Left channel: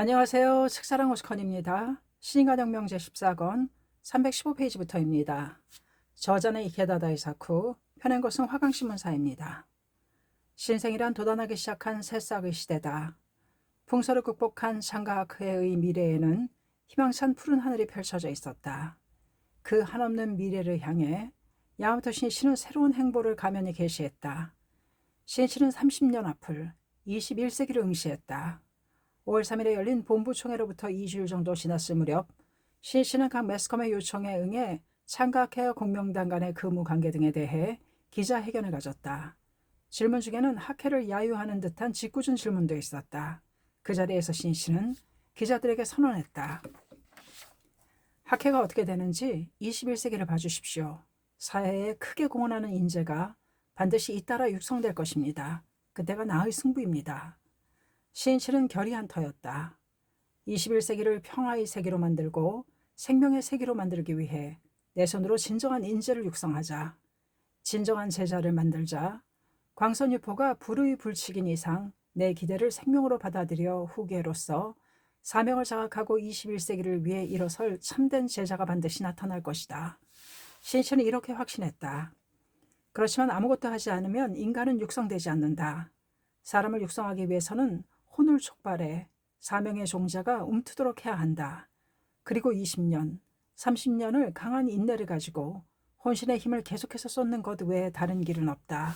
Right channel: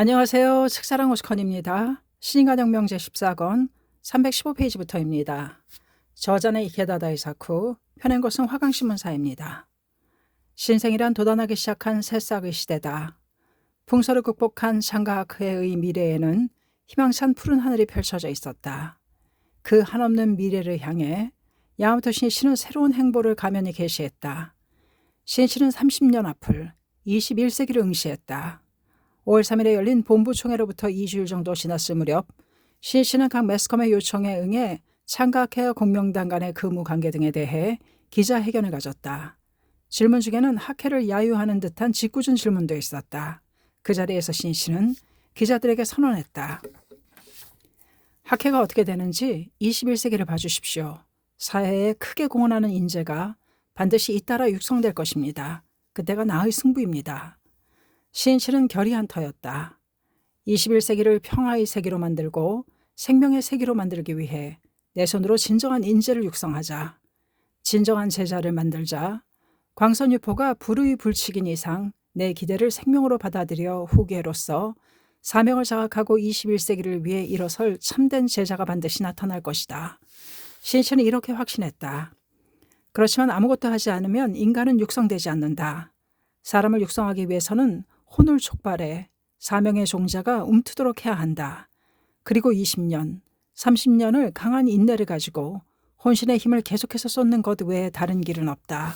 안녕하세요. 책사랑 오스컨입니다. 신인간혁명 제14권 315페이지부터입니다. 저자는 이케다 다이사쿠, 펴낸 것은 화강신문사입니다. 신생이란 도단하기 시작한 새싹의 시대다. 풍서를 극복한 상가하크의 미래에는 희망찬 푸른 하늘이 펼쳐져 있었다. 그 한없는 미래를 향해 야마토 신씨는 새로운 행보를 가면히 개시했다. 신씨는 30년 앞을 21세기를 응시했다. 5월 3일에 열린 본부총회로부터 2주일 정도 지났을 무렵 신씨는 각 매스컴의 요청에 응해 창가학회와 공명당 간의 근무관계 등에 대해 기자회견을 가졌다. 질문 중에는 학회를 야유하는 듯한 짓궂은 질문도 있었다. 그 자리에서 신씨는 기자들에게 선언했다. 학회가 어떻게 되는지 21세기를 봐주십시오. 사회에 크게 공헌하는 인재가 반드시 잇따라 육성될 것입니다. 그때가 나의 승부입니다. 신씨는 결의 한 터였다. 21세기를 평화의 세계로 만들고 생명의 세계로 만들기 위해 내 손으로 진정한 인재를 육성하자. 진정한 제자를 만들자. 광선유포가 불의 불칙인 이상 내 기대를 생명으로 받아들여 후계로서 사명을 장악하고 21세기를 위해 일어설 참된 제자가 반드시 나타날 것이다. 신씨는 이렇게 확신했다. 그렇지만 아무것도 하지 않으면 인간은 육성되지 않는다. 사람을 육성하기 위해서는 혼을 촉발해 사명의 종자가 움트도록 해야 한다. 그리고 20년, 30년을 강한 인내를 가지고 혼신의 힘을 계속해서 쏟는 것 외에 다른 길은 없다.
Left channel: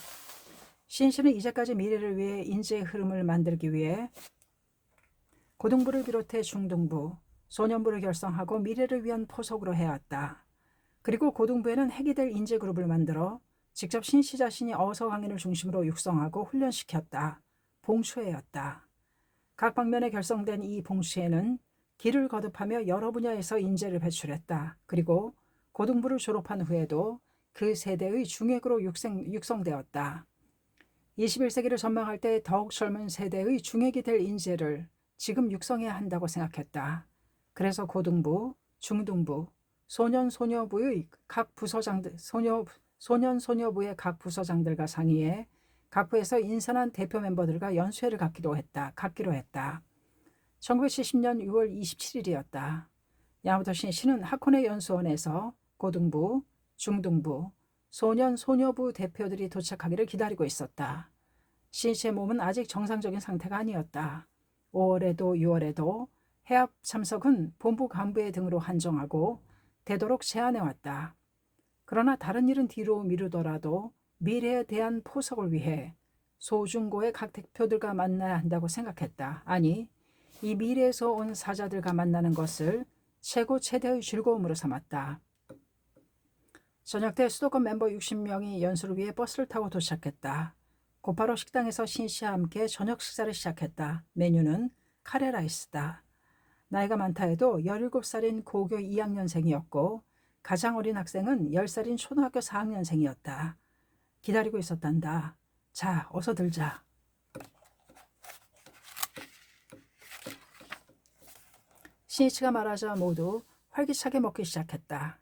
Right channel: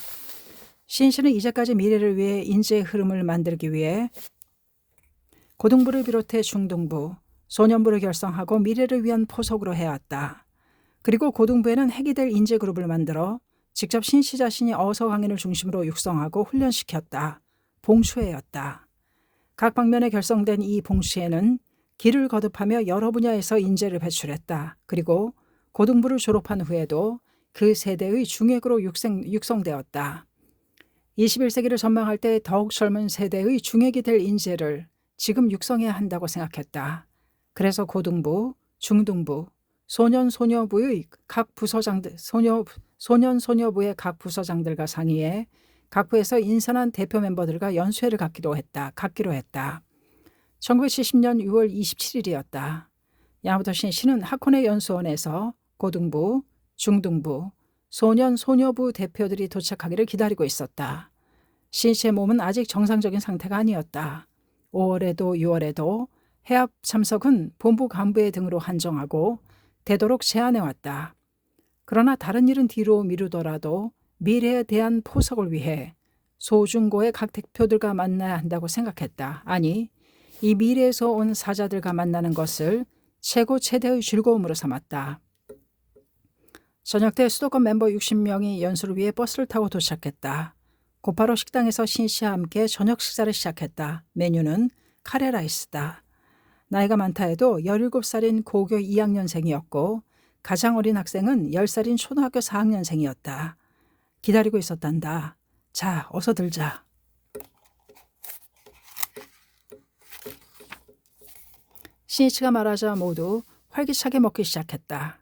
신씨는 이제까지 미래를 위해 인재의 흐름을 만들기 위해 고등부를 비롯해 중등부, 소년부를 결성하고 미래를 위한 포석으로 해왔다. 그리고 고등부에는 핵이 될 인재 그룹을 만들어 직접 신씨 자신이 어서 강인을 중심으로 육성하고 훈련시켰다. 봉수회였다. 각 방면에 결성된 이 봉수회는 길을 거듭하며 여러 분야에서 인재를 배출했다. 그리고 고등부를 졸업한 후에도 그 세대의 중액으로 육성되었다. 21세기를 전망할 때 더욱 젊은 세대의 중액이 될 인재를 지금 육성해야 한다고 생각했다. 그래서 고등부, 중등부, 소년소녀부의 각 부서장들, 소년소녀부의 각 부서장들과 상의해 각 부에서 인선한 대표 멤버들과 연수회를 갖기로 했다. 1970년 6월 27일이었다. 야마토 신씨는 하코네 연수원에서 고등부, 중등부, 소년소녀부 대표들이 도착하기를 기다리고 있었다. 신씨의 몸은 아직 정상적인 상태가 아니었다. 5월에도 6월에도 해합 참석은 본부 간부의 등으로 한정하고 되도록 제한해왔다. 그러나 다른 일은 뒤로 미루더라도 미래에 대한 포석을 위해 소중고의 각 대표들과 만나야 한다고 생각했다. 아니, 이 미래에서 온 사자들과 만나는 것을 최고 최대의 즐거움으로 삼았다. 저녁 때 수도권 멤버 60명이 연수를 위해 버스를 타고 도착했다. 곧바로 식당에서 신씨와 함께 저녁 식사를 시작했다. 메뉴는 카레라이스다. 나이가 많다 해도 17살인 고교 2학년생이었고 가장 어린 학생은 10살인 초등학교 4학년생이었다. 기다리고 있었단다. 자, 어서 들자. 신이치가 말하자 모두 활기차게 먹기 시작했다.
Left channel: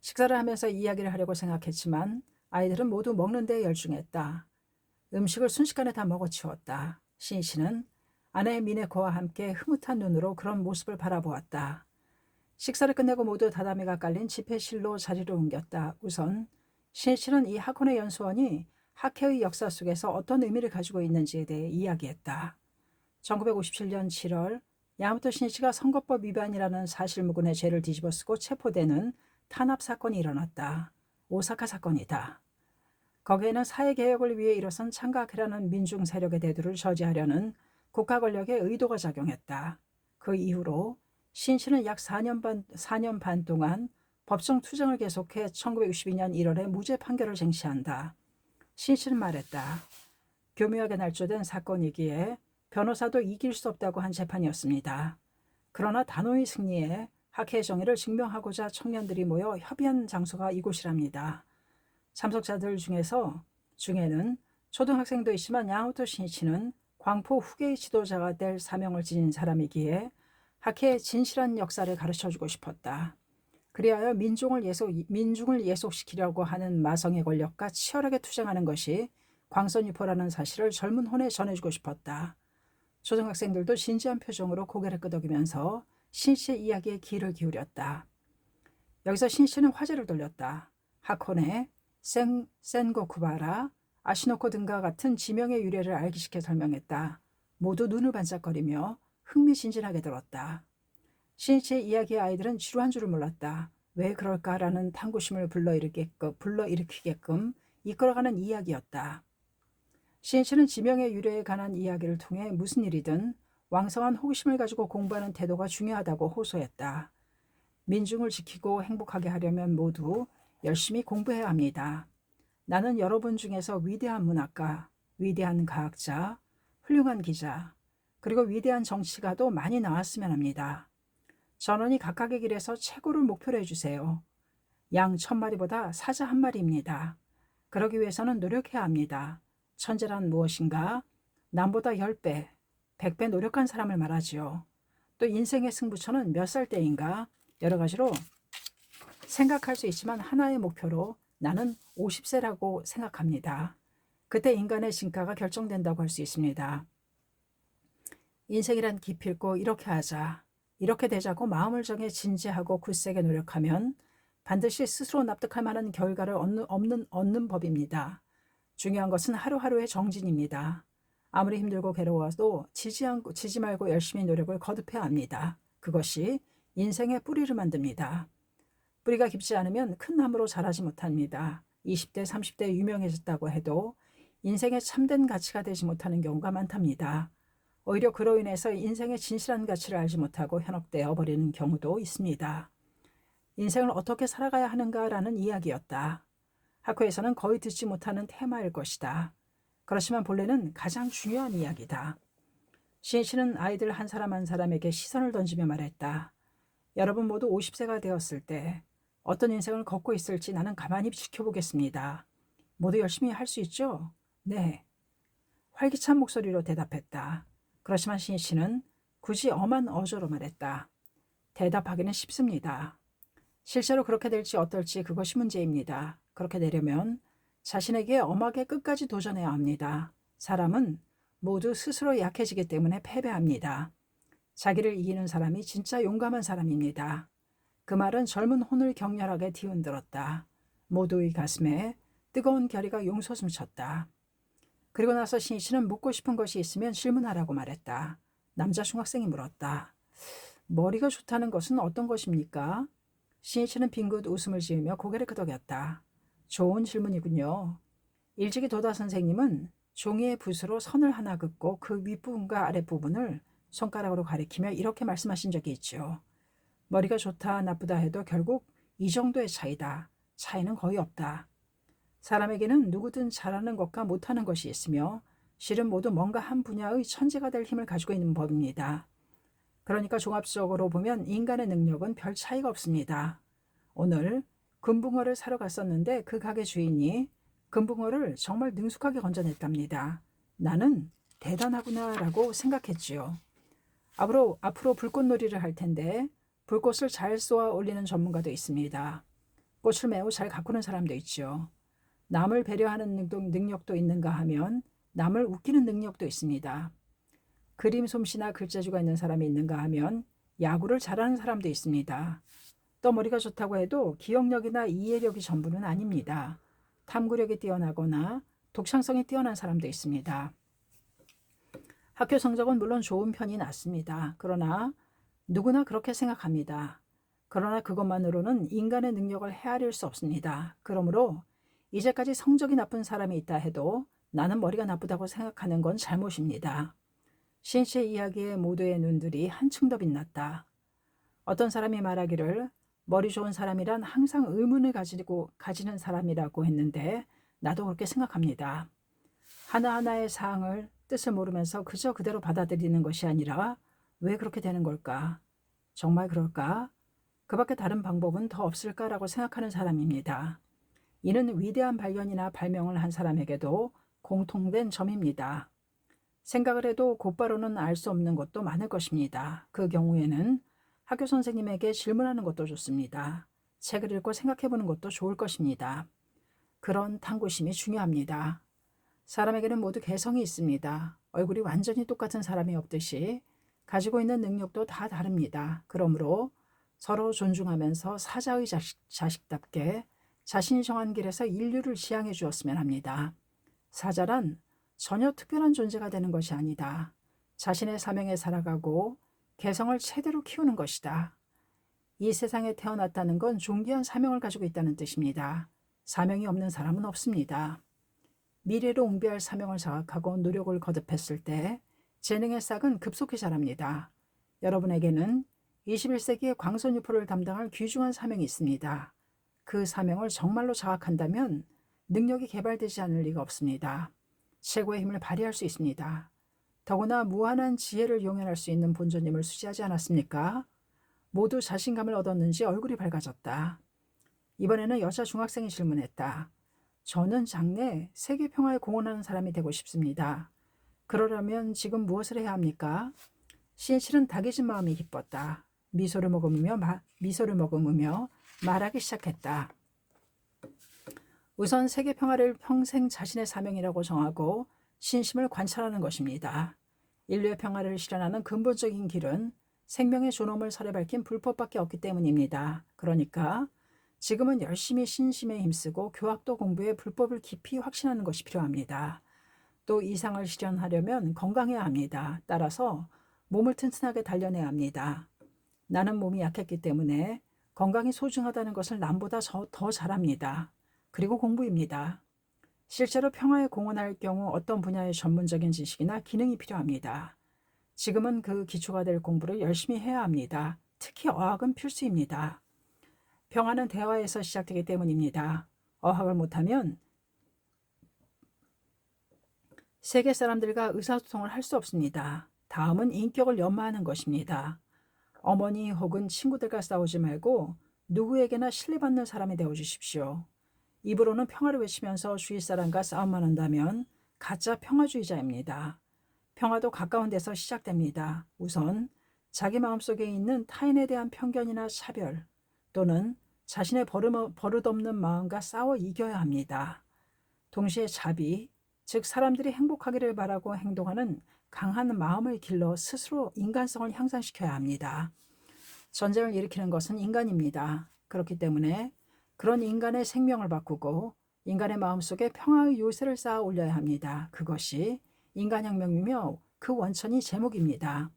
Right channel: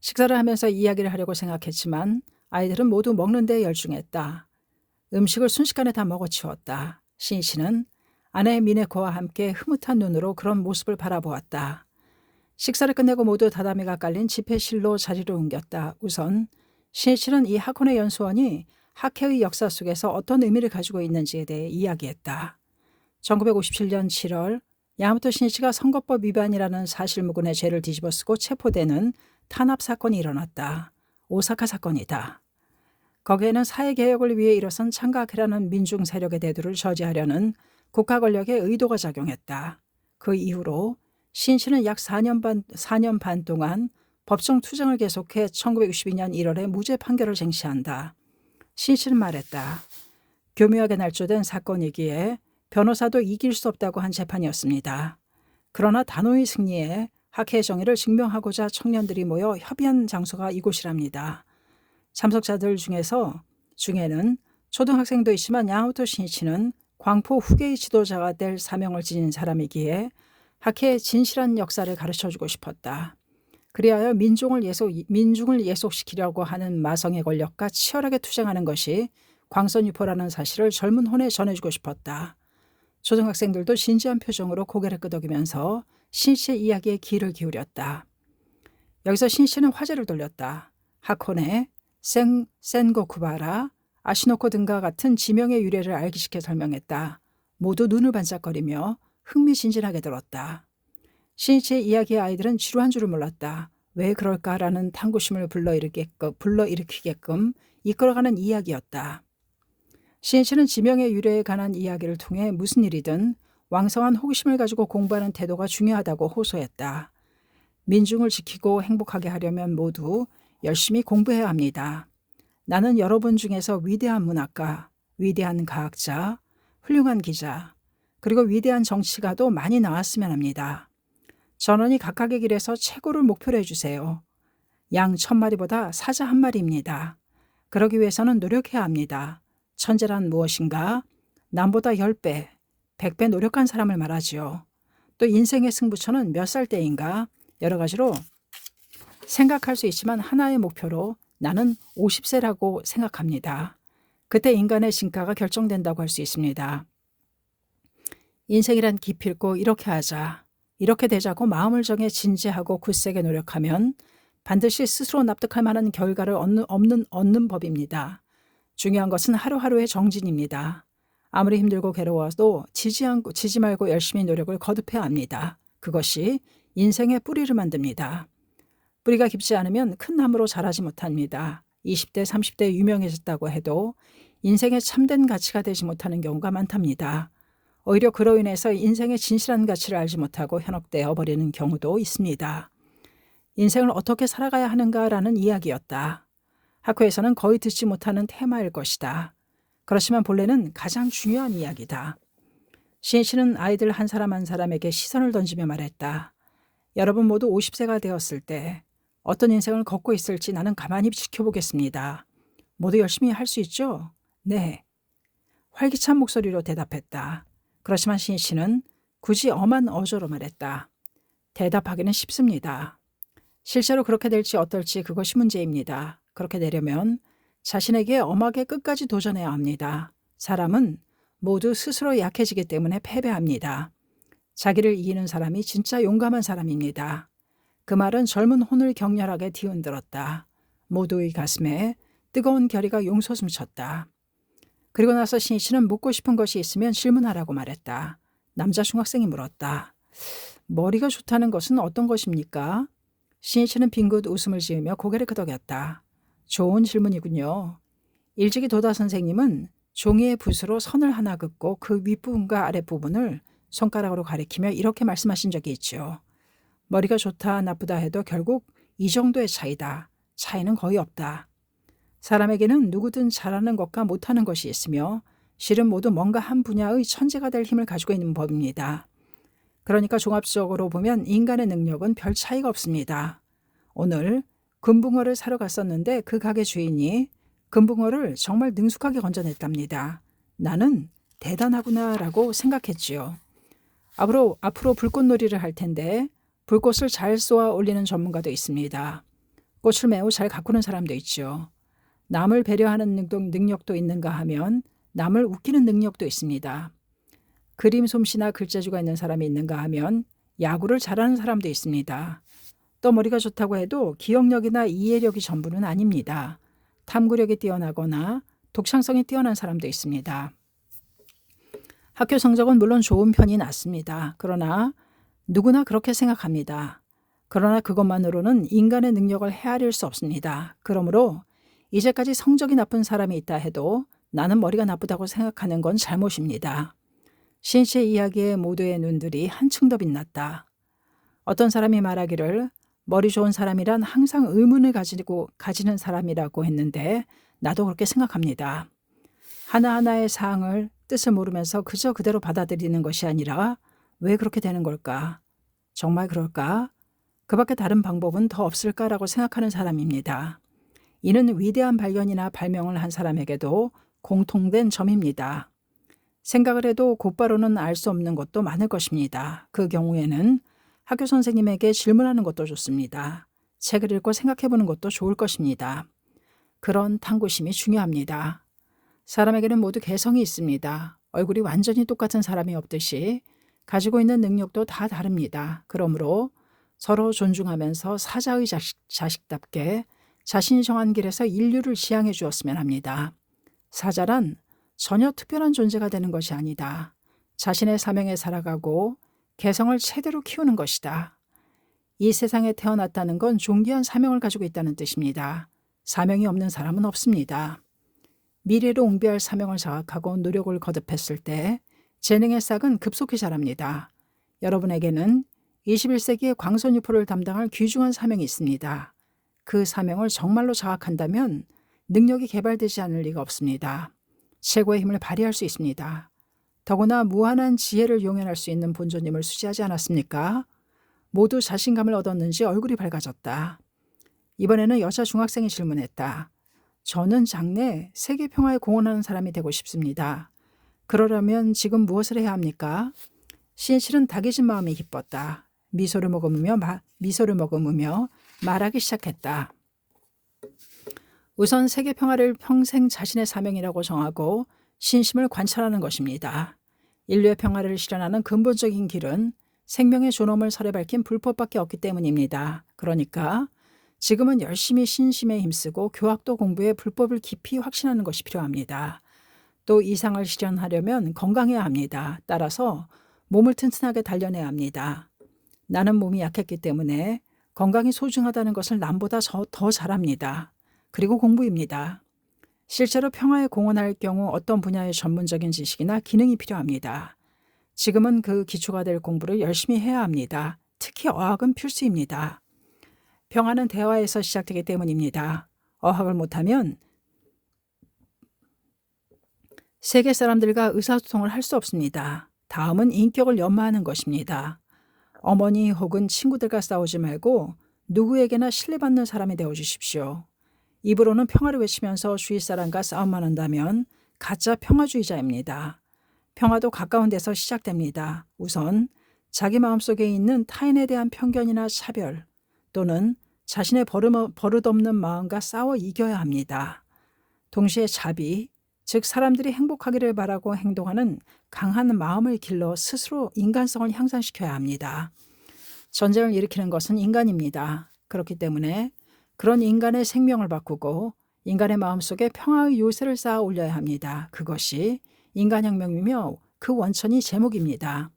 식사를 하면서 이야기를 하려고 생각했지만 아이들은 모두 먹는 데 열중했다. 음식을 순식간에 다 먹어치웠다. 신이치는 아내 미네코와 함께 흐뭇한 눈으로 그런 모습을 바라보았다. 식사를 끝내고 모두 다다미가 깔린 집회실로 자리를 옮겼다. 우선 신이치는 이 하코네 연수원이 학회의 역사 속에서 어떤 의미를 가지고 있는지에 대해 이야기했다. 1957년 7월 야마토 신이치가 선거법 위반이라는 사실무근의 죄를 뒤집어쓰고 체포되는 탄압 사건이 일어났다. 오사카 사건이다. 거기에는 사회개혁을 위해 일어선 창가학회라는 민중 세력의 대두를 저지하려는 국가 권력의 의도가 작용했다. 그 이후로 신씨는 약 4년 반 동안 법정 투쟁을 계속해 1962년 1월에 무죄 판결을 쟁취한다. 신씨는 말했다. 교묘하게 날조된 사건이기에 변호사도 이길 수 없다고 한 재판이었습니다. 그러나 단호히 승리해 학회의 정의를 증명하고자 청년들이 모여 협의한 장소가 이곳이랍니다. 참석자들 중에는 초등학생도 있지만 야마토 신이치는 광포 후계의 지도자가 될 사명을 지닌 사람이기에 학회의 진실한 역사를 가르쳐주고 싶었다. 그리하여 민중을 예속시키려고 하는 마성의 권력과 치열하게 투쟁하는 것이 광선유포라는 사실을 젊은 혼에 전해주고 싶었다. 초등학생들도 진지한 표정으로 고개를 끄덕이면서 신 씨의 이야기에 귀를 기울였다. 여기서 신 씨는 화제를 돌렸다. 하코네, 센고쿠바라, 아시노코 등과 같은 지명의 유래를 알기쉽게 설명했다. 모두 눈을 반짝거리며 흥미진진하게 들었다. 신 씨의 이야기의 아이들은 지루한 줄을 몰랐다. 왜 그럴까라는 탐구심을 불러일으키게끔 이끌어가는 이야기였다. 신 씨는 지명의 유래에 관한 이야기를 통해 무슨 일이든 왕성한 호기심을 가지고 공부하는 태도가 중요하다고 호소했다. 민중을 지키고 행복하게 하려면 모두 열심히 공부해야 합니다. 나는 여러분 중에서 위대한 문학가, 위대한 과학자, 훌륭한 기자, 그리고 위대한 정치가도 많이 나왔으면 합니다. 전원이 각각의 길에서 최고를 목표로 해주세요. 양 1000마리보다 사자 1마리입니다. 그러기 위해서는 노력해야 합니다. 천재란 무엇인가? 남보다 10배, 100배 노력한 사람을 말하지요. 또 인생의 승부처는 몇 살 때인가? 여러 가지로 생각할 수 있지만 하나의 목표로 나는 50세라고 생각합니다. 그때 인간의 진가가 결정된다고 할 수 있습니다. 인생이란 기필코 이렇게 하자, 이렇게 되자고 마음을 정해 진지하고 굳세게 노력하면 반드시 스스로 납득할 만한 결과를 얻는 법입니다. 중요한 것은 하루하루의 정진입니다. 아무리 힘들고 괴로워도 지지 말고 열심히 노력을 거듭해야 합니다. 그것이 인생의 뿌리를 만듭니다. 뿌리가 깊지 않으면 큰 나무로 자라지 못합니다. 20대, 30대에 유명해졌다고 해도 인생의 참된 가치가 되지 못하는 경우가 많답니다. 오히려 그로 인해서 인생의 진실한 가치를 알지 못하고 현혹되어 버리는 경우도 있습니다. 인생을 어떻게 살아가야 하는가라는 이야기였다. 학교에서는 거의 듣지 못하는 테마일 것이다. 그렇지만 본래는 가장 중요한 이야기다. 시인 씨는 아이들 한 사람 한 사람에게 시선을 던지며 말했다. 여러분 모두 50세가 되었을 때 어떤 인생을 걷고 있을지 나는 가만히 지켜보겠습니다. 모두 열심히 할 수 있죠? 네. 활기찬 목소리로 대답했다. 그렇지만 시인 씨는 굳이 엄한 어조로 말했다. 대답하기는 쉽습니다. 실제로 그렇게 될지 어떨지 그것이 문제입니다. 그렇게 되려면 자신에게 엄하게 끝까지 도전해야 합니다. 사람은 모두 스스로 약해지기 때문에 패배합니다. 자기를 이기는 사람이 진짜 용감한 사람입니다. 그 말은 젊은 혼을 격렬하게 뒤흔들었다. 모두의 가슴에 뜨거운 결의가 용솟음쳤다. 그리고 나서 신 씨는 묻고 싶은 것이 있으면 질문하라고 말했다. 남자 중학생이 물었다. 머리가 좋다는 것은 어떤 것입니까? 신 씨는 빙긋 웃음을 지으며 고개를 끄덕였다. 좋은 질문이군요. 일찍이 도다 선생님은 종이의 붓으로 선을 하나 긋고 그 윗부분과 아랫부분을 손가락으로 가리키며 이렇게 말씀하신 적이 있죠. 머리가 좋다 나쁘다 해도 결국 이 정도의 차이다. 차이는 거의 없다. 사람에게는 누구든 잘하는 것과 못하는 것이 있으며 실은 모두 뭔가 한 분야의 천재가 될 힘을 가지고 있는 법입니다. 그러니까 종합적으로 보면 인간의 능력은 별 차이가 없습니다. 오늘 금붕어를 사러 갔었는데 그 가게 주인이 금붕어를 정말 능숙하게 건져냈답니다. 나는 대단하구나라고 생각했지요. 앞으로 불꽃놀이를 할 텐데 불꽃을 잘 쏘아 올리는 전문가도 있습니다. 꽃을 매우 잘 가꾸는 사람도 있죠. 남을 배려하는 능력도 있는가 하면 남을 웃기는 능력도 있습니다. 그림 솜씨나 글재주가 있는 사람이 있는가 하면 야구를 잘하는 사람도 있습니다. 또 머리가 좋다고 해도 기억력이나 이해력이 전부는 아닙니다. 탐구력이 뛰어나거나 독창성이 뛰어난 사람도 있습니다. 학교 성적은 물론 좋은 편이 낫습니다. 그러나 누구나 그렇게 생각합니다. 그러나 그것만으로는 인간의 능력을 헤아릴 수 없습니다. 그러므로 이제까지 성적이 나쁜 사람이 있다 해도 나는 머리가 나쁘다고 생각하는 건 잘못입니다. 신 씨의 이야기에 모두의 눈들이 한층 더 빛났다. 어떤 사람이 말하기를 머리 좋은 사람이란 항상 의문을 가지는 사람이라고 했는데 나도 그렇게 생각합니다. 하나하나의 사항을 뜻을 모르면서 그저 그대로 받아들이는 것이 아니라 왜 그렇게 되는 걸까? 정말 그럴까? 그 밖에 다른 방법은 더 없을까라고 생각하는 사람입니다. 이는 위대한 발견이나 발명을 한 사람에게도 공통된 점입니다. 생각을 해도 곧바로는 알 수 없는 것도 많을 것입니다. 그 경우에는 학교 선생님에게 질문하는 것도 좋습니다. 책을 읽고 생각해보는 것도 좋을 것입니다. 그런 탐구심이 중요합니다. 사람에게는 모두 개성이 있습니다. 얼굴이 완전히 똑같은 사람이 없듯이 가지고 있는 능력도 다 다릅니다. 그러므로 서로 존중하면서 사자의 자식답게 자신이 정한 길에서 인류를 지향해 주었으면 합니다. 사자란 전혀 특별한 존재가 되는 것이 아니다. 자신의 사명에 살아가고 개성을 제대로 키우는 것이다. 이 세상에 태어났다는 건 존귀한 사명을 가지고 있다는 뜻입니다. 사명이 없는 사람은 없습니다. 미래로 옹비할 사명을 자각하고 노력을 거듭했을 때 재능의 싹은 급속히 자랍니다. 여러분에게는 21세기의 광선유포를 담당할 귀중한 사명이 있습니다. 그 사명을 정말로 자각한다면 능력이 개발되지 않을 리가 없습니다. 최고의 힘을 발휘할 수 있습니다. 더구나 무한한 지혜를 용연할 수 있는 본尊님을 수지하지 않았습니까? 모두 자신감을 얻었는지 얼굴이 밝아졌다. 이번에는 여자 중학생이 질문했다. 저는 장래 세계 평화에 공헌하는 사람이 되고 싶습니다. 그러려면 지금 무엇을 해야 합니까? 신실은 다개진 마음이 기뻤다. 미소를 머금으며 말하기 시작했다. 우선 세계 평화를 평생 자신의 사명이라고 정하고 신심을 관찰하는 것입니다. 인류의 평화를 실현하는 근본적인 길은 생명의 존엄을 설에 밝힌 불법밖에 없기 때문입니다. 그러니까 지금은 열심히 신심에 힘쓰고 교학도 공부해 불법을 깊이 확신하는 것이 필요합니다. 또 이상을 실현하려면 건강해야 합니다. 따라서 몸을 튼튼하게 단련해야 합니다. 나는 몸이 약했기 때문에 건강이 소중하다는 것을 남보다 더 잘합니다. 그리고 공부입니다. 실제로 평화에 공헌할 경우 어떤 분야의 전문적인 지식이나 기능이 필요합니다. 지금은 그 기초가 될 공부를 열심히 해야 합니다. 특히 어학은 필수입니다. 평화는 대화에서 시작되기 때문입니다. 어학을 못하면 세계 사람들과 의사소통을 할 수 없습니다. 다음은 인격을 연마하는 것입니다. 어머니 혹은 친구들과 싸우지 말고 누구에게나 신뢰받는 사람이 되어주십시오. 입으로는 평화를 외치면서 주위 사람과 싸움만 한다면 가짜 평화주의자입니다. 평화도 가까운 데서 시작됩니다. 우선 자기 마음속에 있는 타인에 대한 편견이나 차별 또는 자신의 버릇없는 마음과 싸워 이겨야 합니다. 동시에 자비, 즉 사람들이 행복하기를 바라고 행동하는 강한 마음을 길러 스스로 인간성을 향상시켜야 합니다. 전쟁을 일으키는 것은 인간입니다. 그렇기 때문에 그런 인간의 생명을 바꾸고 인간의 마음속에 평화의 요새를 쌓아 올려야 합니다. 그것이 인간혁명이며 그 원천이 제목입니다.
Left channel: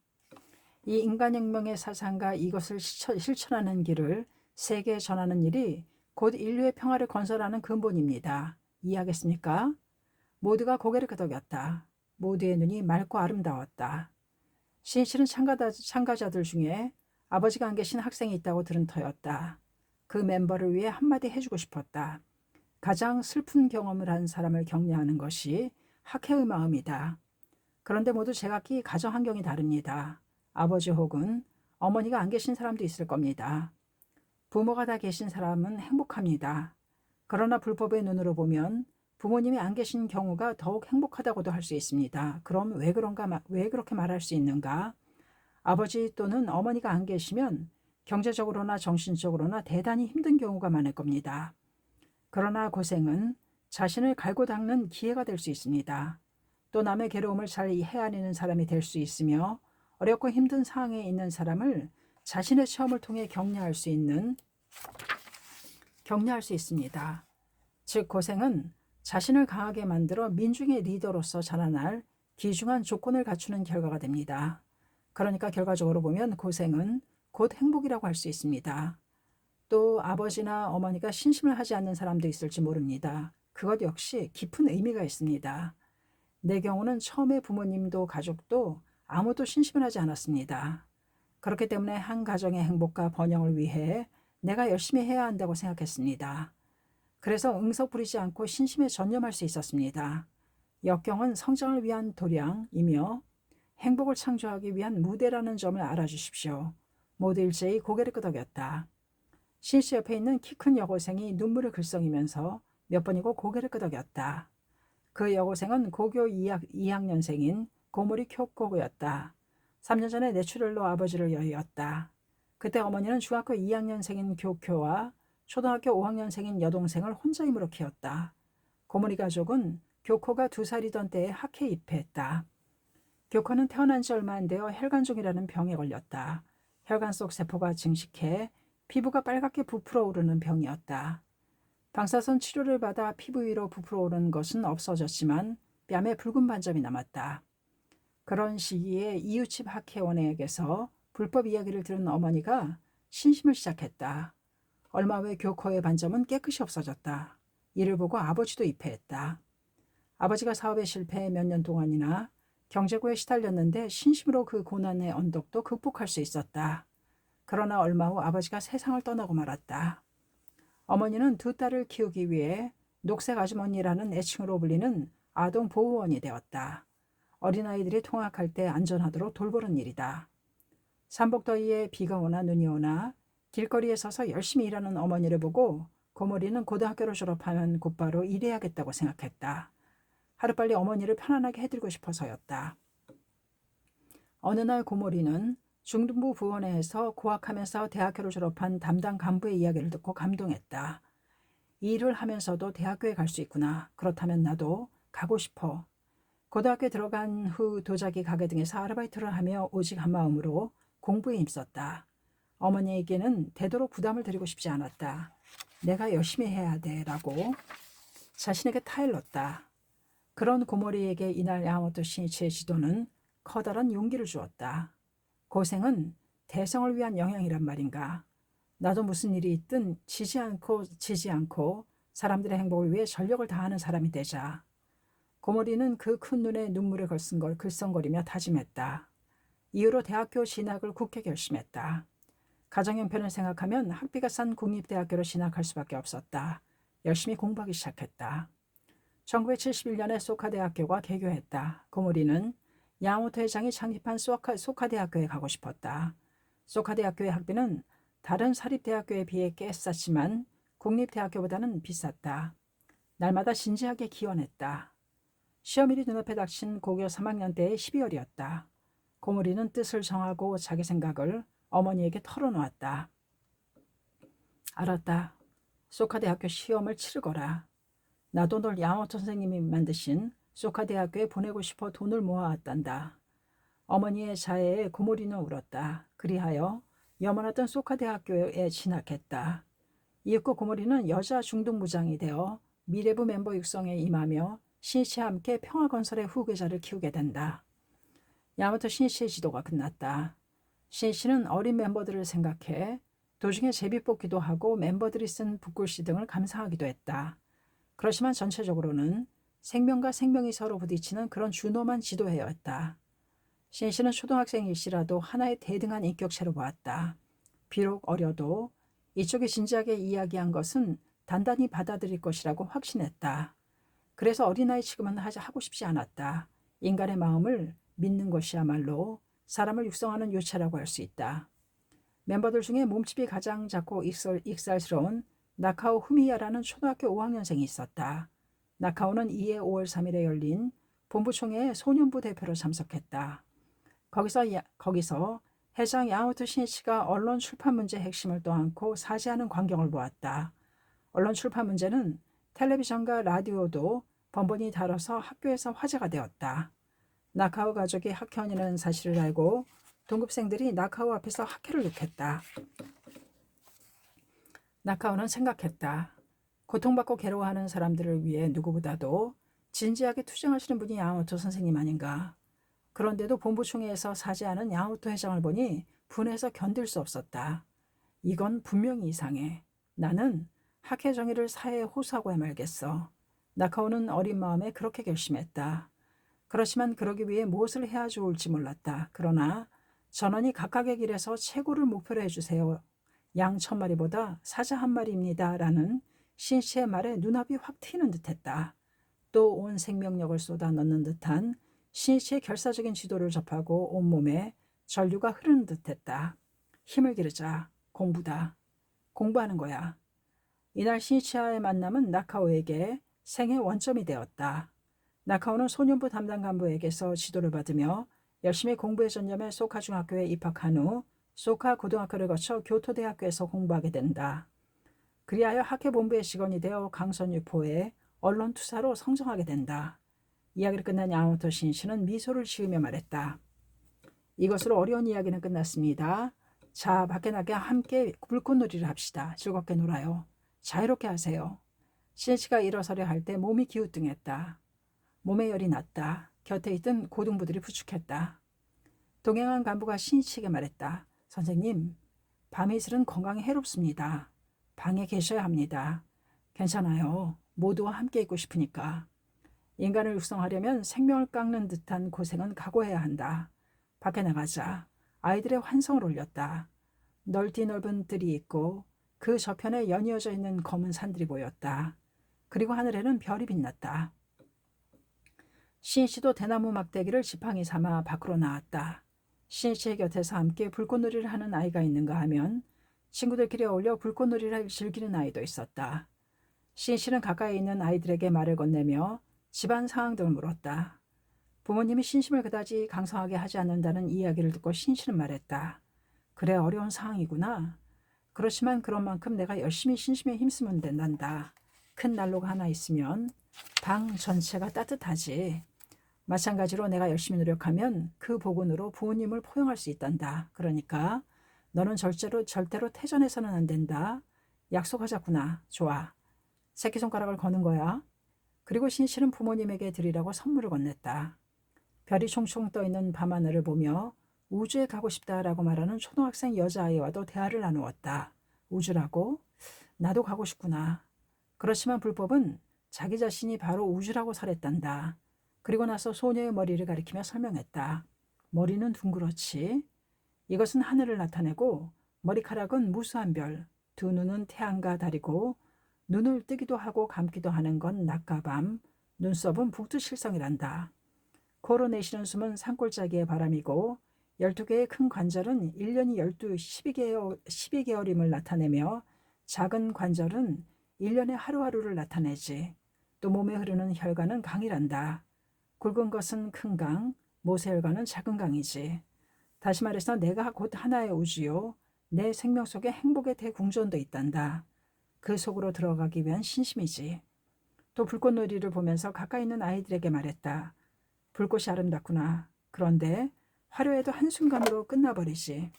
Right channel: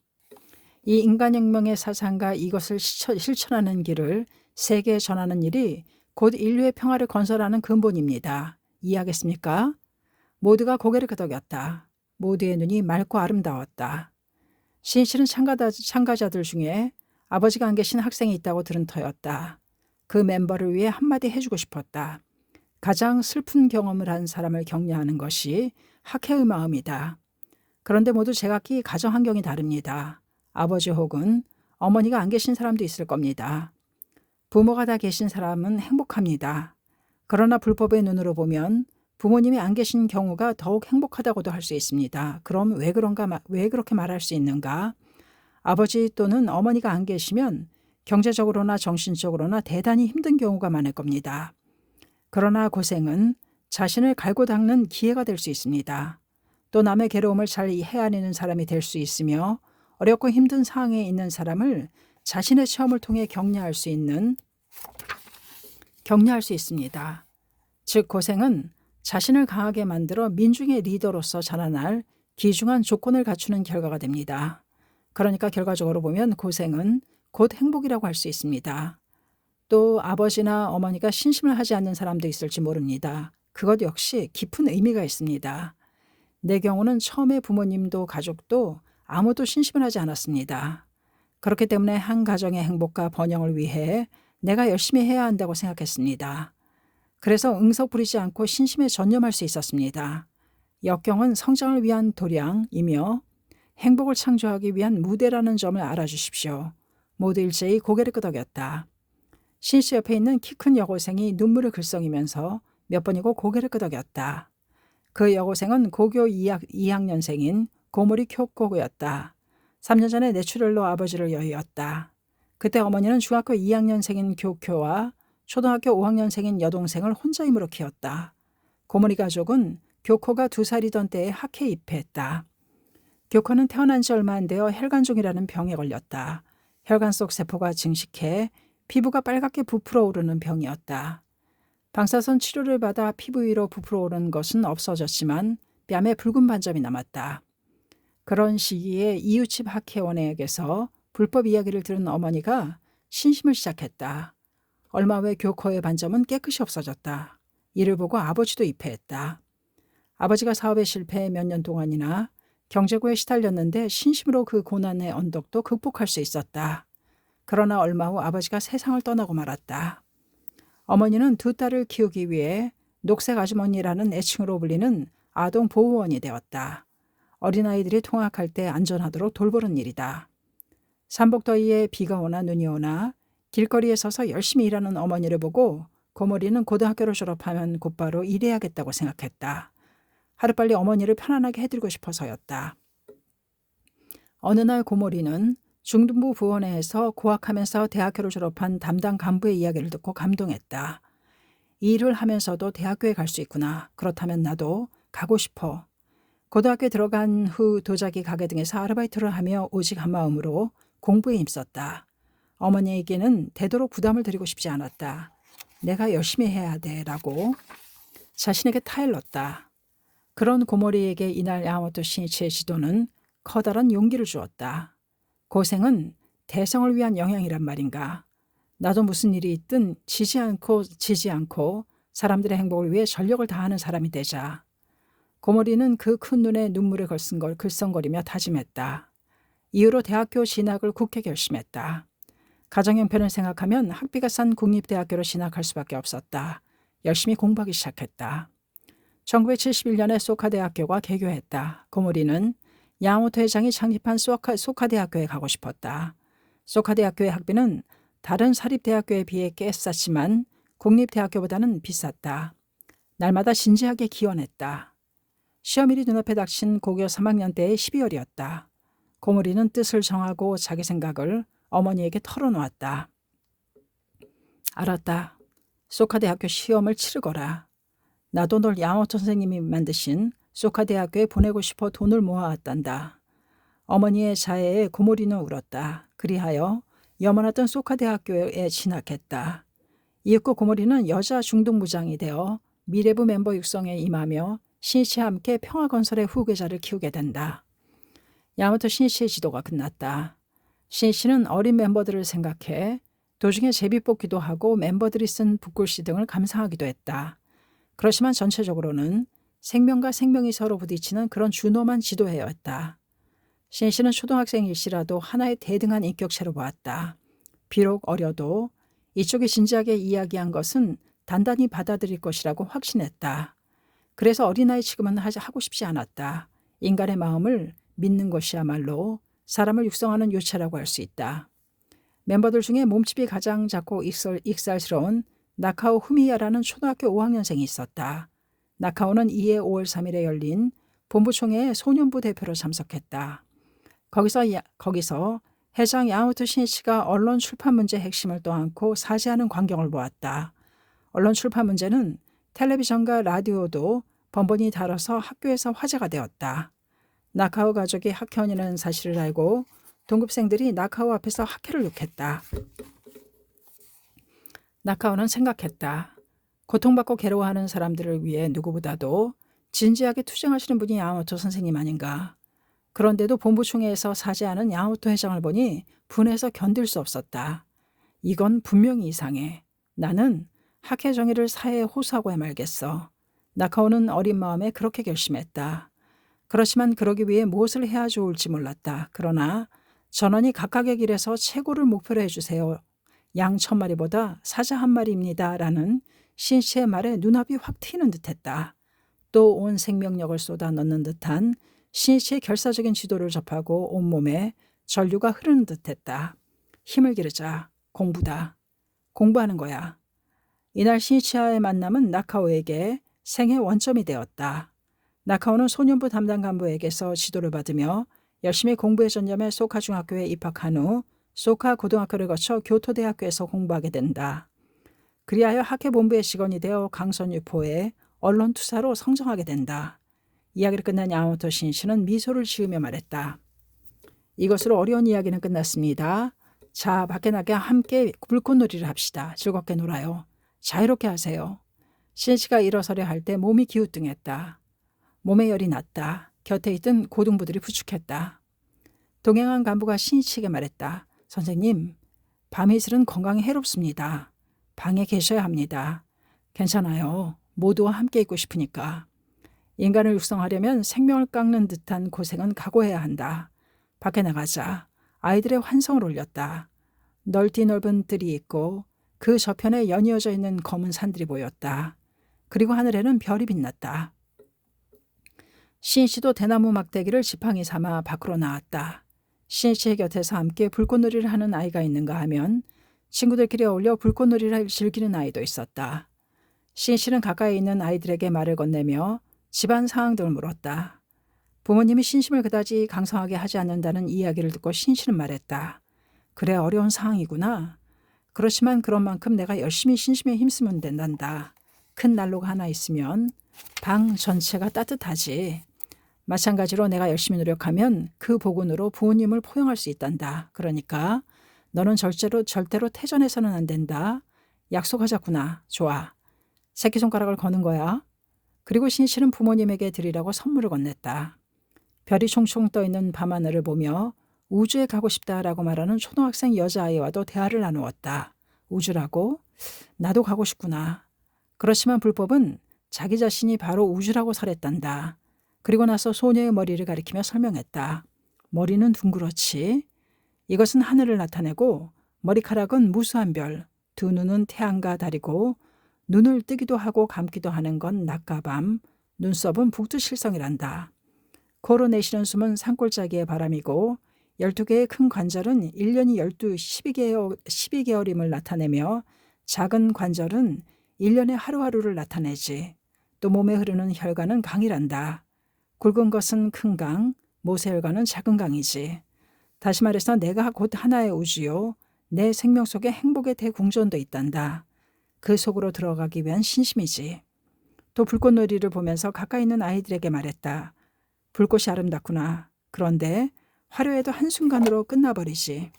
이 인간혁명의 사상과 이것을 실천하는 길을 세계에 전하는 일이 곧 인류의 평화를 건설하는 근본입니다. 이해하겠습니까? 모두가 고개를 끄덕였다. 모두의 눈이 맑고 아름다웠다. 신실은 참가자들 중에 아버지가 안 계신 학생이 있다고 들은 터였다. 그 멤버를 위해 한마디 해주고 싶었다. 가장 슬픈 경험을 한 사람을 격려하는 것이 학회의 마음이다. 그런데 모두 제각기 가정 환경이 다릅니다. 아버지 혹은 어머니가 안 계신 사람도 있을 겁니다. 부모가 다 계신 사람은 행복합니다. 그러나 불법의 눈으로 보면 부모님이 안 계신 경우가 더욱 행복하다고도 할 수 있습니다. 그럼 왜 그렇게 말할 수 있는가? 아버지 또는 어머니가 안 계시면 경제적으로나 정신적으로나 대단히 힘든 경우가 많을 겁니다. 그러나 고생은 자신을 갈고 닦는 기회가 될 수 있습니다. 또 남의 괴로움을 잘 헤아리는 사람이 될 수 있으며 어렵고 힘든 상황에 있는 사람을 자신의 체험을 통해 격려할 수 있습니다. 즉 고생은 자신을 강하게 만들어 민중의 리더로서 자라날 귀중한 조건을 갖추는 결과가 됩니다. 그러니까 결과적으로 보면 고생은 곧 행복이라고 할 수 있습니다. 또 아버지나 어머니가 신심을 하지 않는 사람도 있을지 모릅니다. 그것 역시 깊은 의미가 있습니다. 내 경우는 처음에 부모님도 가족도 아무도 신심을 하지 않았습니다. 그렇기 때문에 한 가정의 행복과 번영을 위해 내가 열심히 해야 한다고 생각했습니다. 그래서 응석 부리지 않고 신심에 전념할 수 있었습니다. 역경은 성장을 위한 도량이며 행복을 창조하기 위한 무대라는 점을 알아주십시오. 모두 일제히 고개를 끄덕였다. 신씨 옆에 있는 키 큰 여고생이 눈물을 글썽이면서 몇 번이고 고개를 끄덕였다. 그 여고생은 고교 2학년생인 고모리 쿄코였다. 3년 전에 뇌출혈로 아버지를 여의었다. 그때 어머니는 중학교 2학년생인 교쿄와 초등학교 5학년생인 여동생을 혼자 힘으로 키웠다. 고모리 가족은 교코가 2살이던 때에 학회에 입회했다. 교코는 태어난 지 얼마 안 되어 혈관종이라는 병에 걸렸다. 혈관 속 세포가 증식해 피부가 빨갛게 부풀어 오르는 병이었다. 방사선 치료를 받아 피부 위로 부풀어 오른 것은 없어졌지만 뺨에 붉은 반점이 남았다. 그런 시기에 이웃집 학회원에게서 불법 이야기를 들은 어머니가 신심을 시작했다. 얼마 후에 교코의 반점은 깨끗이 없어졌다. 이를 보고 아버지도 입회했다. 아버지가 사업에 실패해 몇 년 동안이나 경제고에 시달렸는데 신심으로 그 고난의 언덕도 극복할 수 있었다. 그러나 얼마 후 아버지가 세상을 떠나고 말았다. 어머니는 두 딸을 키우기 위해 녹색 아주머니라는 애칭으로 불리는 아동 보호원이 되었다. 어린아이들이 통학할 때 안전하도록 돌보는 일이다. 삼복더위에 비가 오나 눈이 오나 길거리에 서서 열심히 일하는 어머니를 보고 고모리는 고등학교를 졸업하면 곧바로 일해야겠다고 생각했다. 하루빨리 어머니를 편안하게 해드리고 싶어서였다. 어느 날 고모리는 중등부 부원회에서 고학하면서 대학교를 졸업한 담당 간부의 이야기를 듣고 감동했다. 이 일을 하면서도 대학교에 갈 수 있구나. 그렇다면 나도 가고 싶어. 고등학교에 들어간 후 도자기 가게 등에서 아르바이트를 하며 오직 한 마음으로 공부에 힘썼다. 어머니에게는 되도록 부담을 드리고 싶지 않았다. 내가 열심히 해야 돼 라고 자신에게 타일렀다. 그런 고모리에게 이날 야마모토 신이치의 지도는 커다란 용기를 주었다. 고생은 대성을 위한 영향이란 말인가. 나도 무슨 일이 있든 지지 않고 사람들의 행복을 위해 전력을 다하는 사람이 되자. 고모리는 그 큰 눈에 눈물을 걸쓴 걸 글썽거리며 다짐했다. 이후로 대학교 진학을 굳게 결심했다. 가정 형편을 생각하면 학비가 싼 국립대학교로 진학할 수밖에 없었다. 열심히 공부하기 시작했다. 1971년에 소카대학교가 개교했다. 고모리는 야마모토 회장이 창립한 소카대학교에 가고 싶었다. 소카대학교의 학비는 다른 사립대학교에 비해 꽤 쌌지만 국립대학교보다는 비쌌다. 날마다 진지하게 기원했다. 시험일이 눈앞에 닥친 고교 3학년 때의 12월이었다. 고모리는 뜻을 정하고 자기 생각을 어머니에게 털어놓았다. 알았다. 소카대학교 시험을 치르거라. 나도 널 야마모토 선생님이 만드신 소카대학교에 보내고 싶어 돈을 모아왔단다. 어머니의 자해에 고모리는 울었다. 그리하여 염원하던 소카대학교에 진학했다. 이윽고 고모리는 여자 중등부장이 되어 미래부 멤버 육성에 임하며 신이치와 함께 평화건설의 후계자를 키우게 된다. 야마모토 신이치의 지도가 끝났다. 신이치는 어린 멤버들을 생각해 도중에 제비뽑기도 하고 멤버들이 쓴 붓글씨 등을 감상하기도 했다. 그렇지만 전체적으로는 생명과 생명이 서로 부딪히는 그런 준엄한 지도회였다. 신이치는 초등학생일시라도 하나의 대등한 인격체로 보았다. 비록 어려도 이쪽이 진지하게 이야기한 것은 단단히 받아들일 것이라고 확신했다. 그래서 어린아이 취급은 하고 싶지 않았다. 인간의 마음을 믿는 것이야말로 사람을 육성하는 요체라고 할 수 있다. 멤버들 중에 몸집이 가장 작고 익살스러운 나카오 후미야라는 초등학교 5학년생이 있었다. 나카오는 이해 5월 3일에 열린 본부총회에 소년부 대표로 참석했다. 거기서 회장 야마모토 신이치가 언론 출판 문제 핵심을 떠안고 사죄하는 광경을 보았다. 언론 출판 문제는 텔레비전과 라디오도 번번이 다뤄서 학교에서 화제가 되었다. 나카오 가족이 학회원이라는 사실을 알고 동급생들이 나카오 앞에서 학회를 룩했다. 나카오는 생각했다. 고통받고 괴로워하는 사람들을 위해 누구보다도 진지하게 투쟁하시는 분이 야마모토 선생님 아닌가. 그런데도 본부총회에서 사죄하는 야마모토 회장을 보니 분해서 견딜 수 없었다. 이건 분명히 이상해. 나는 학회 정의를 사회에 호소하고야 말겠어. 나카오는 어린 마음에 그렇게 결심했다. 그렇지만 그러기 위해 무엇을 해야 좋을지 몰랐다. 그러나 전원이 각각의 길에서 최고를 목표로 해주세요. 양 1000마리보다 사자 1마리입니다. 라는 신이치의 말에 눈앞이 확 트이는 듯했다. 또 온 생명력을 쏟아 넣는 듯한 신이치의 결사적인 지도를 접하고 온몸에 전류가 흐르는 듯했다. 힘을 기르자. 공부다. 공부하는 거야. 이날 신이치와의 만남은 나카오에게 생의 원점이 되었다. 나카오는 소년부 담당 간부에게서 지도를 받으며 열심히 공부에 전념해 소카 중학교에 입학한 후 소카 고등학교를 거쳐 교토대학교에서 공부하게 된다. 그리하여 학회 본부의 직원이 되어 강선유포의 언론투사로 성장하게 된다. 이야기를 끝난 야마모토 신씨는 미소를 지으며 말했다. 이것으로 어려운 이야기는 끝났습니다. 자, 밖에 나가 함께 불꽃놀이를 합시다. 즐겁게 놀아요. 자유롭게 하세요. 신씨가 일어서려 할 때 몸이 기우뚱했다. 몸에 열이 났다. 곁에 있던 고등부들이 부축했다. 동행한 간부가 신씨에게 말했다. 선생님, 밤이슬은 건강에 해롭습니다. 방에 계셔야 합니다. 괜찮아요. 모두와 함께 있고 싶으니까. 인간을 육성하려면 생명을 깎는 듯한 고생은 각오해야 한다. 밖에 나가자. 아이들의 환성을 올렸다. 넓디 넓은 뜰이 있고 그 저편에 연이어져 있는 검은 산들이 보였다. 그리고 하늘에는 별이 빛났다. 신씨도 대나무 막대기를 지팡이 삼아 밖으로 나왔다. 신씨의 곁에서 함께 불꽃놀이를 하는 아이가 있는가 하면 친구들끼리 어울려 불꽃놀이를 즐기는 아이도 있었다. 신씨는 가까이 있는 아이들에게 말을 건네며 집안 상황들을 물었다. 부모님이 신심을 그다지 강성하게 하지 않는다는 이야기를 듣고 신씨는 말했다. 그래, 어려운 상황이구나. 그렇지만 그런 만큼 내가 열심히 신심에 힘쓰면 된단다. 큰 난로가 하나 있으면 방 전체가 따뜻하지. 마찬가지로 내가 열심히 노력하면 그 복운으로 부모님을 포용할 수 있단다. 그러니까 너는 절대로 태전해서는 안 된다. 약속하자꾸나. 좋아. 새끼손가락을 거는 거야. 그리고 신씨는 부모님에게 드리라고 선물을 건넸다. 별이 총총 떠있는 밤하늘을 보며 우주에 가고 싶다라고 말하는 초등학생 여자아이와도 대화를 나누었다. 우주라고? 나도 가고 싶구나. 그렇지만 불법은 자기 자신이 바로 우주라고 설했단다. 그리고 나서 소녀의 머리를 가리키며 설명했다. 머리는 둥그렇지. 이것은 하늘을 나타내고 머리카락은 무수한 별, 두 눈은 태양과 달이고 눈을 뜨기도 하고 감기도 하는 건 낮과 밤, 눈썹은 북두실성이란다. 코로 내쉬는 숨은 산골짜기의 바람이고 12개의 큰 관절은 1년이 12개월임을 나타내며 작은 관절은 1년의 하루하루를 나타내지. 또 몸에 흐르는 혈관은 강이란다. 굵은 것은 큰 강, 모세혈관은 작은 강이지. 다시 말해서 내가 곧 하나의 우주요. 내 생명 속에 행복의 대궁전도 있단다. 그 속으로 들어가기 위한 신심이지. 또 불꽃놀이를 보면서 가까이 있는 아이들에게 말했다. 불꽃이 아름답구나. 그런데 화려해도 한순간으로 끝나버리지.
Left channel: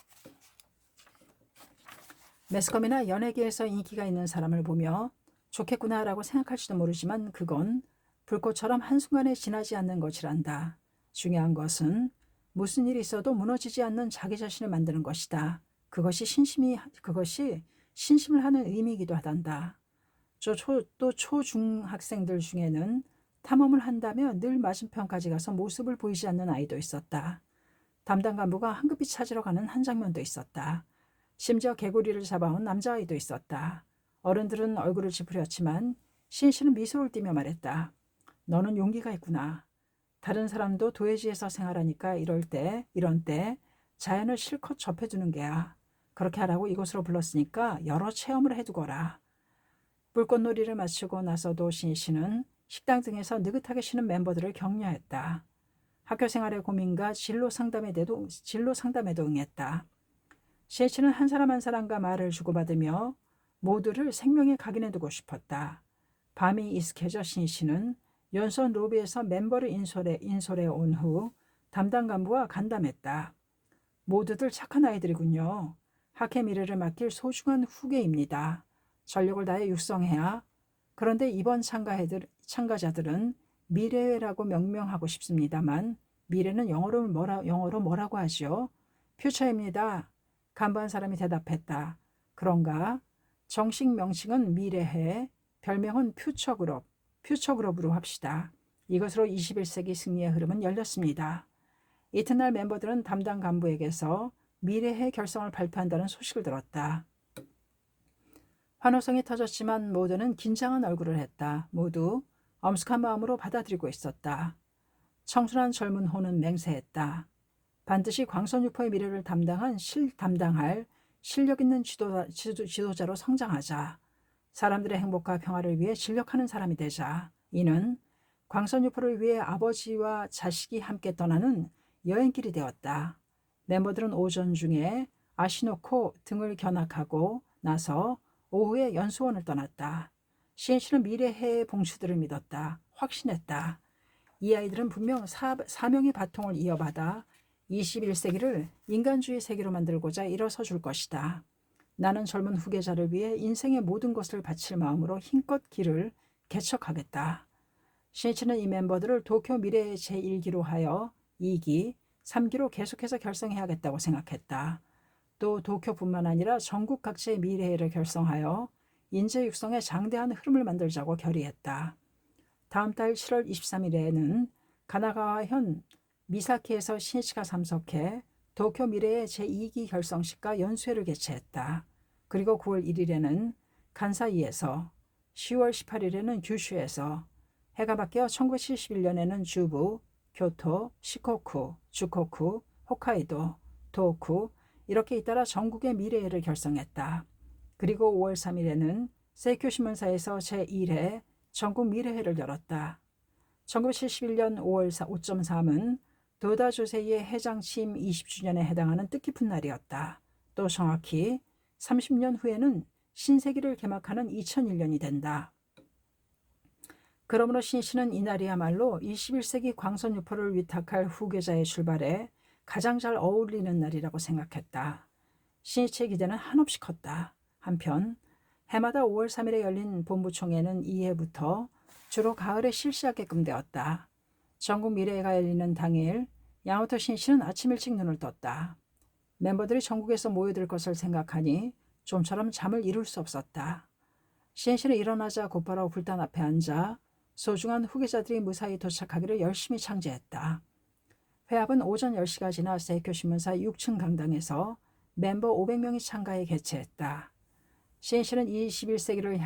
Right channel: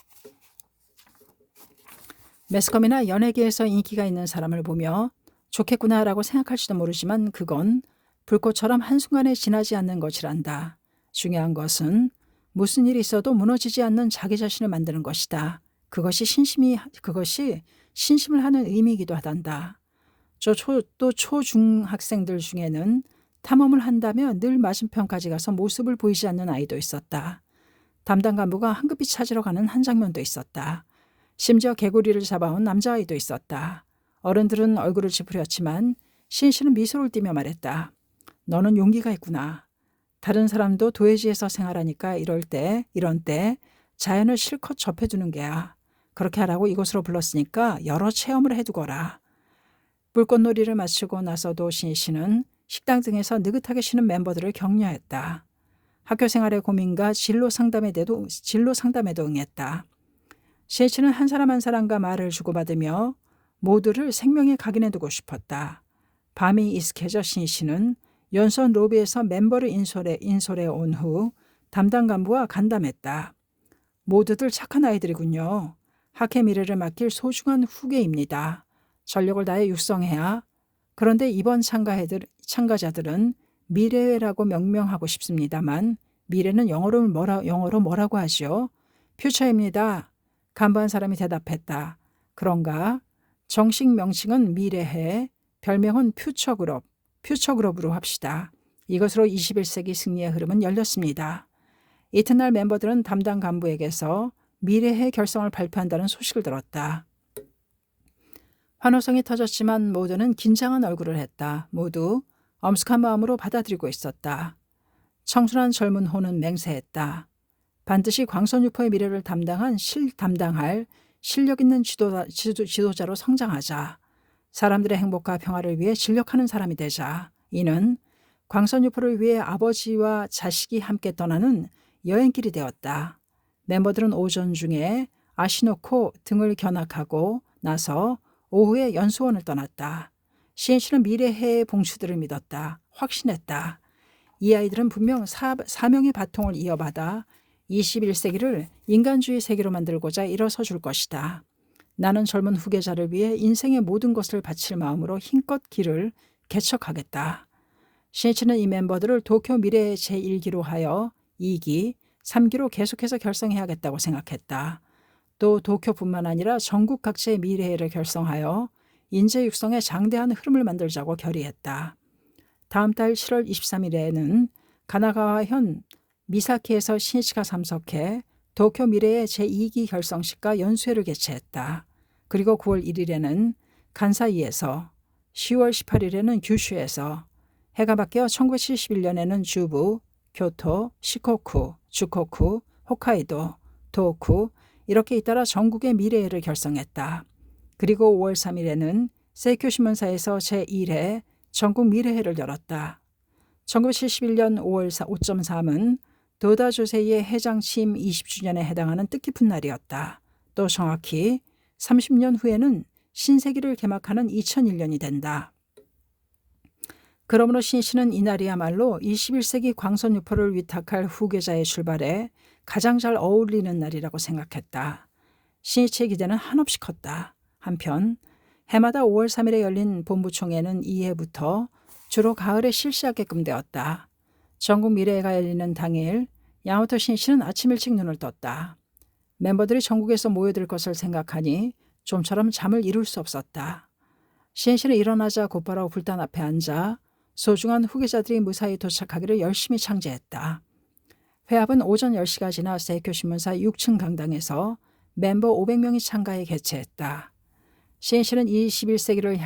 매스컴이나 연예계에서 인기가 있는 사람을 보며 좋겠구나라고 생각할지도 모르지만 그건 불꽃처럼 한순간에 지나지 않는 것이란다. 중요한 것은 무슨 일이 있어도 무너지지 않는 자기 자신을 만드는 것이다. 그것이 신심을 하는 의미이기도 하단다. 또 초중학생들 중에는 탐험을 한다며 늘 맞은편까지 가서 모습을 보이지 않는 아이도 있었다. 담당 간부가 황급히 찾으러 가는 한 장면도 있었다. 심지어 개구리를 잡아온 남자아이도 있었다. 어른들은 얼굴을 찌푸렸지만 신씨는 미소를 띠며 말했다. 너는 용기가 있구나. 다른 사람도 도회지에서 생활하니까 이런 때 자연을 실컷 접해두는 게야. 그렇게 하라고 이곳으로 불렀으니까 여러 체험을 해두거라. 불꽃놀이를 마치고 나서도 신씨는 식당 등에서 느긋하게 쉬는 멤버들을 격려했다. 학교 생활의 고민과 진로 상담에도 응했다. 신씨는 한 사람 한 사람과 말을 주고받으며 모두를 생명의 각인해 두고 싶었다. 밤이 익숙해져 신씨는 연수원 로비에서 멤버를 인솔해 온 후 담당 간부와 간담했다. 모두들 착한 아이들이군요. 학회 미래를 맡길 소중한 후계입니다. 전력을 다해 육성해야. 그런데 이번 참가자들은 미래라고 명명하고 싶습니다만 미래는 영어로 뭐라고 하죠? 퓨처입니다. 간부 한 사람이 대답했다. 그런가? 정식 명칭은 미래해, 별명은 퓨처그룹으로 합시다. 이것으로 21세기 승리의 흐름은 열렸습니다. 이튿날 멤버들은 담당 간부에게서 미래해 결성을 발표한다는 소식을 들었다. 환호성이 터졌지만 모두는 긴장한 얼굴을 했다. 모두 엄숙한 마음으로 받아들이고 있었다. 청순한 젊은 호는 맹세했다. 반드시 광선유포의 미래를 담당할 실력 있는 지도자로 성장하자. 사람들의 행복과 평화를 위해 진력하는 사람이 되자. 이는 광선유포를 위해 아버지와 자식이 함께 떠나는 여행길이 되었다. 멤버들은 오전 중에 아시노코 등을 견학하고 나서 오후에 연수원을 떠났다. 신씨는 미래해의 봉추들을 믿었다. 확신했다. 이 아이들은 분명 사명의 바통을 이어받아 21세기를 인간주의 세계로 만들고자 일어서 줄 것이다. 나는 젊은 후계자를 위해 인생의 모든 것을 바칠 마음으로 힘껏 길을 개척하겠다. 신이치는 이 멤버들을 도쿄 미래의 제1기로 하여 2기, 3기로 계속해서 결성해야겠다고 생각했다. 또 도쿄뿐만 아니라 전국 각지의 미래를 결성하여 인재 육성에 장대한 흐름을 만들자고 결의했다. 다음 달 7월 23일에는 가나가와현 미사키에서 신이치가 참석해 도쿄 미래의 제2기 결성식과 연수회를 개최했다. 그리고 9월 1일에는 간사이에서, 10월 18일에는 규슈에서, 해가 바뀌어 1971년에는 주부, 교토, 시코쿠, 주코쿠, 홋카이도, 도호쿠 이렇게 잇따라 전국의 미래회를 결성했다. 그리고 5월 3일에는 세이쿄 신문사에서 제1회 전국 미래회를 열었다. 1971년 5월 5.3은 도다 조세이의 해장 취임 20주년에 해당하는 뜻깊은 날이었다. 또 정확히 30년 후에는 신세기를 개막하는 2001년이 된다. 그러므로 신이치는 이날이야말로 21세기 광선유포를 위탁할 후계자의 출발에 가장 잘 어울리는 날이라고 생각했다. 신이치의 기대는 한없이 컸다. 한편 해마다 5월 3일에 열린 본부총회는 이해부터 주로 가을에 실시하게끔 되었다. 전국 미래회가 열리는 당일 야마토 신이치는 아침 일찍 눈을 떴다. 멤버들이 전국에서 모여들 것을 생각하니 좀처럼 잠을 이룰 수 없었다. 신이치는 일어나자 곧바로 불단 앞에 앉아 소중한 후계자들이 무사히 도착하기를 열심히 창제했다. 회합은 오전 10시가 지나 세이쿄 신문사 6층 강당에서 멤버 500명이 참가해 개최했다. 신이치는 21세기를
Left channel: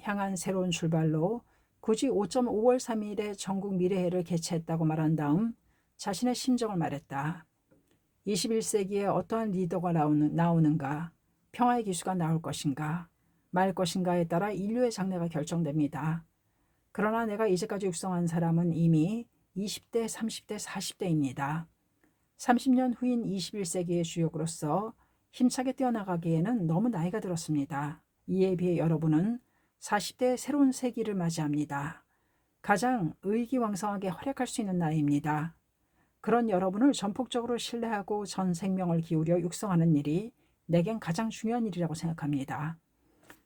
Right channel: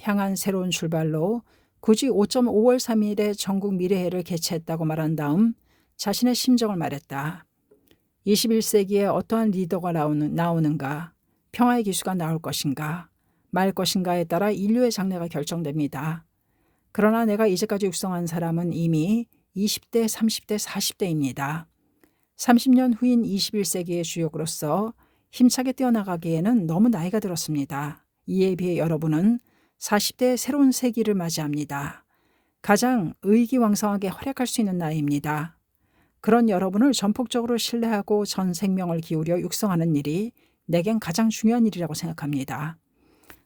향한 새로운 출발로 굳이 5.5월 3일에 전국 미래회를 개최했다고 말한 다음 자신의 심정을 말했다. 21세기에 어떠한 리더가 나오는가, 평화의 기수가 나올 것인가, 말 것인가에 따라 인류의 장래가 결정됩니다. 그러나 내가 이제까지 육성한 사람은 이미 20대, 30대, 40대입니다. 30년 후인 21세기의 주역으로서 힘차게 뛰어나가기에는 너무 나이가 들었습니다. 이에 비해 여러분은 40대의 새로운 세기를 맞이합니다. 가장 의기왕성하게 활약할 수 있는 나이입니다. 그런 여러분을 전폭적으로 신뢰하고 전 생명을 기울여 육성하는 일이 내겐 가장 중요한 일이라고 생각합니다.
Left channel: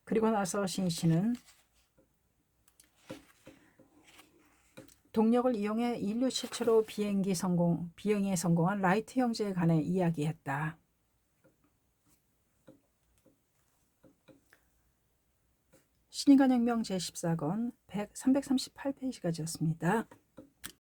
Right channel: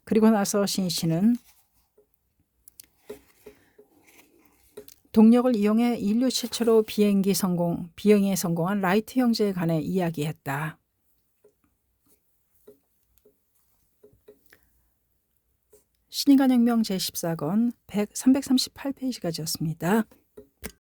그리고 나서 신이치는 동력을 이용해 인류 최초로 비행에 성공한 라이트 형제에 관해 이야기했다. 신인간혁명 제14권 338페이지까지였습니다.